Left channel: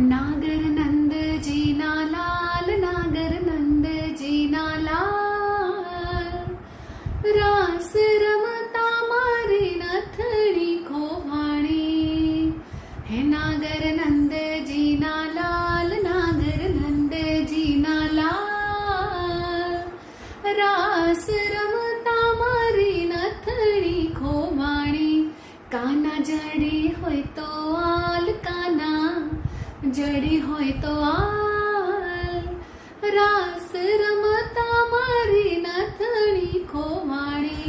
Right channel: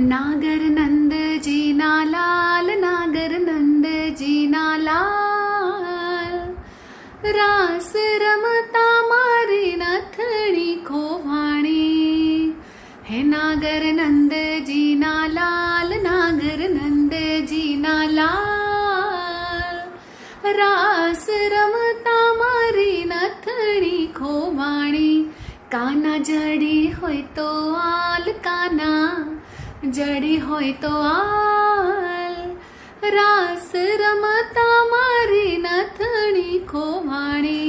नागर नंद जी ना लाल, नागर नंद जी ना लाल, रास रमता मारी नथड़ी खोवाणी। हे नागर नंद जी ना लाल, नागर नंद जी ना लाल, रास रमता मारी नथड़ी खोवाणी। काना जड़ी होय तो आल, काना जड़ी होय तो आल, रास रमता मारी नथणी खोवाणी।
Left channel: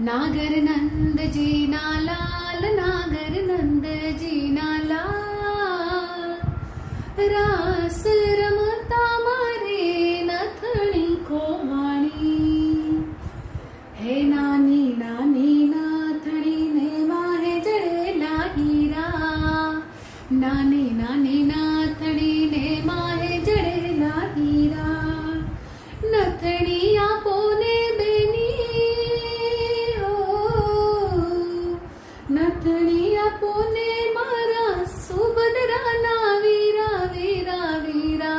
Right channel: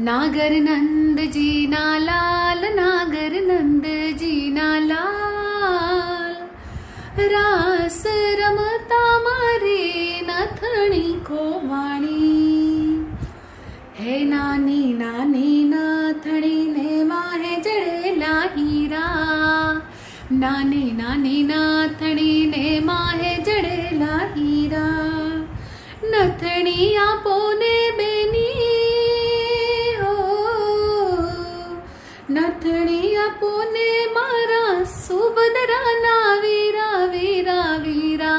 नागर नंद जी ना लाल, नागर नंद जी ना लाल, रास रमता मारी नथणी खोवाणी। हे नानी नानी नाथणी ने वाहे जड़ेला हीरा, नानी नानी नाथणी ने माहे जड़ेला हीरा। नथणी आपो ने बेनी हो, नथणी आपो ने मारा सुभद्रा ना वीरा वीरा वीरा।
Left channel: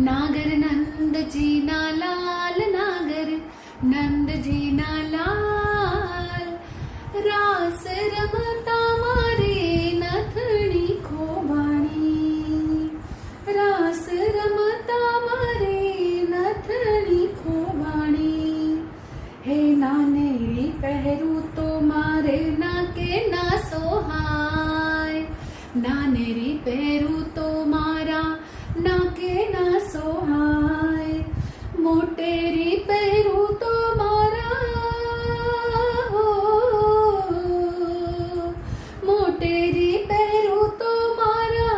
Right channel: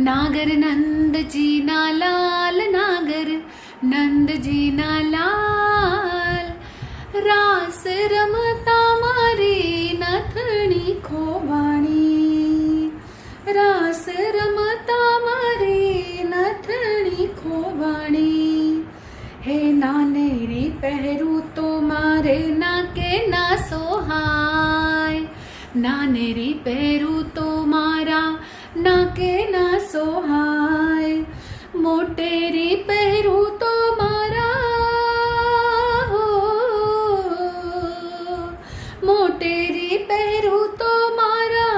नागर नंद जी ना लाल, नागर नंद जी ना लाल, रास रमता मारी नथणी खोवाणी, रास रमता मारी नथणी खोवाणी। हे नानेरी पहरू तो मारे नाके ना सोहाय, नानेरी पहरू तो मारा नाके ना सोहाय। मोटेरी पहरू तो मारा हो, मोटेरी पहरू तो मारा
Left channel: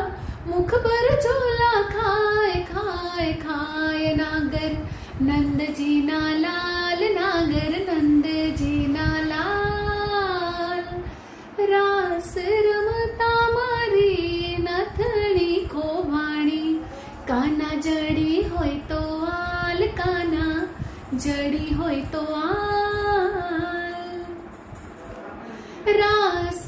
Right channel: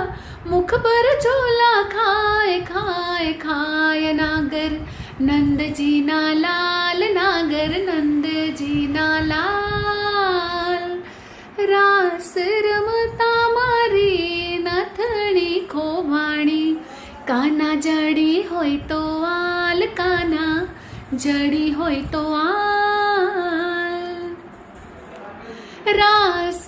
मुख पर झोला खाए खाए खाए। नागर नंद जी ना लाल, नागर नंद जी ना लाल, रास रमता मारी नथणी खोवाणी। काना जड़ी होय तो आल, काना जड़ी होय तो आल, रास